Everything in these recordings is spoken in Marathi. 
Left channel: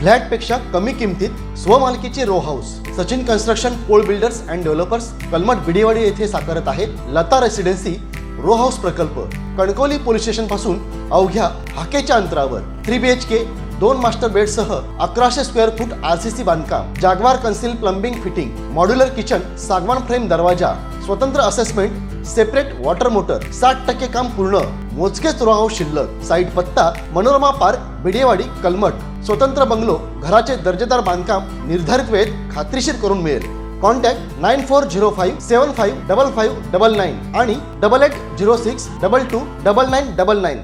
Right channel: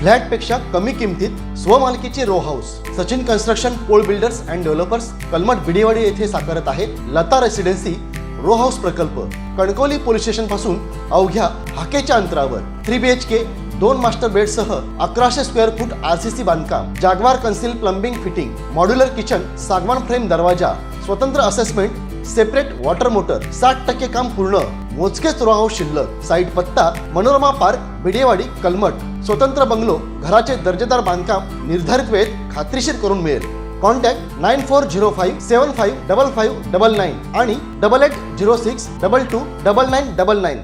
फ्लॅटपेक्षा कमी किमतीत स्वमालकीचे row house Sachin construction Pol builders and developers Kalmath Bidewadi येथे साकारत आहे लता रेसिडेन्सी रो हाऊस प्रकल्प। कणकवली पोलीस स्टेशन पासून अवघ्या हाकेच्या अंतरावर 3 BHK 2 मास्टर बेड सह 1100 स्क्वेअर फूट RCC बांधकाम, जागवार concealed plumbing fitting, modular kitchen, सागवान फ्रेम दरवाजा, स्वतंत्र असेसमेंट, सेपरेट वॉटर मोटर, 60% काम पूर्ण, मोजकेच रो हाऊस शिल्लक। साईट पत्ता मनोरमा पार्क बिडेवाडी कलमठ। स्वतंत्र बंगलो, घराचे दर्जेदार बांधकाम निर्धारित वेळेत खात्रीशीर करून मिळेल। कॉन्टॅक्ट 9405755599 आणि 8806229999।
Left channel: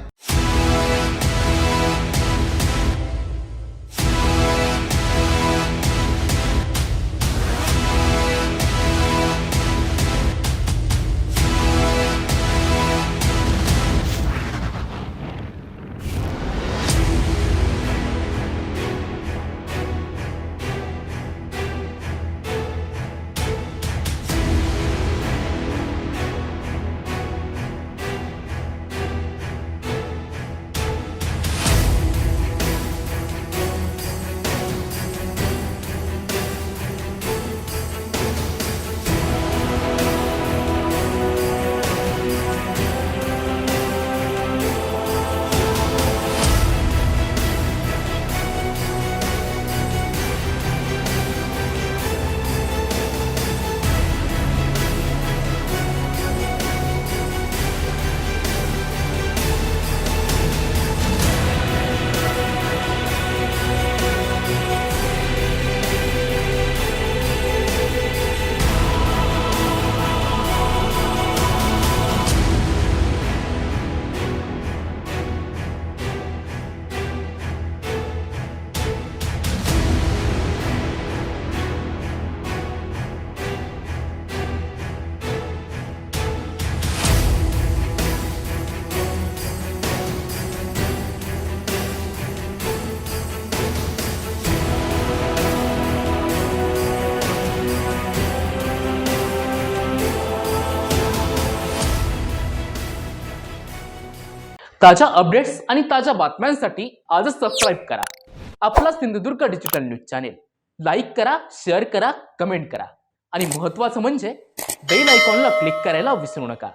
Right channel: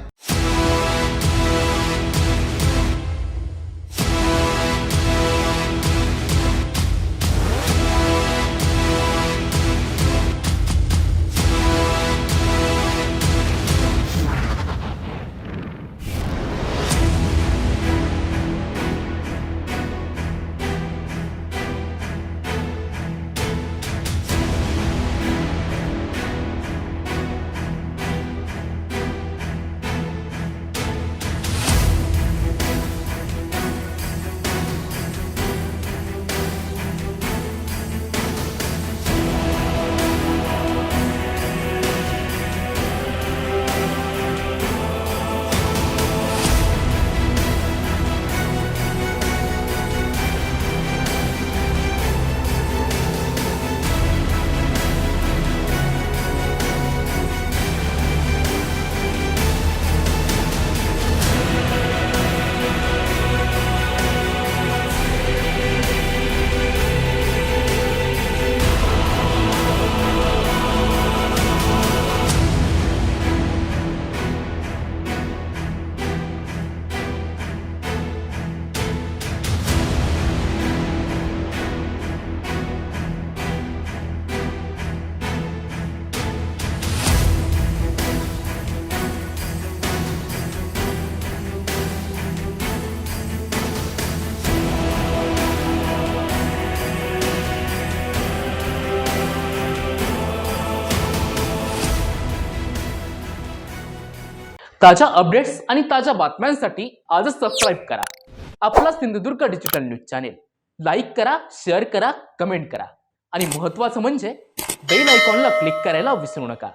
ताज्या अपडेट्स आणि ताज्या बातम्यांसाठी आजच सबस्क्राईब करा आपला Sindhudurg digital news channel. Like करा, शेअर करा, कमेंट करा आणि महत्त्वाचं म्हणजे बेल आयकॉनला क्लिक करायला विसरू नका।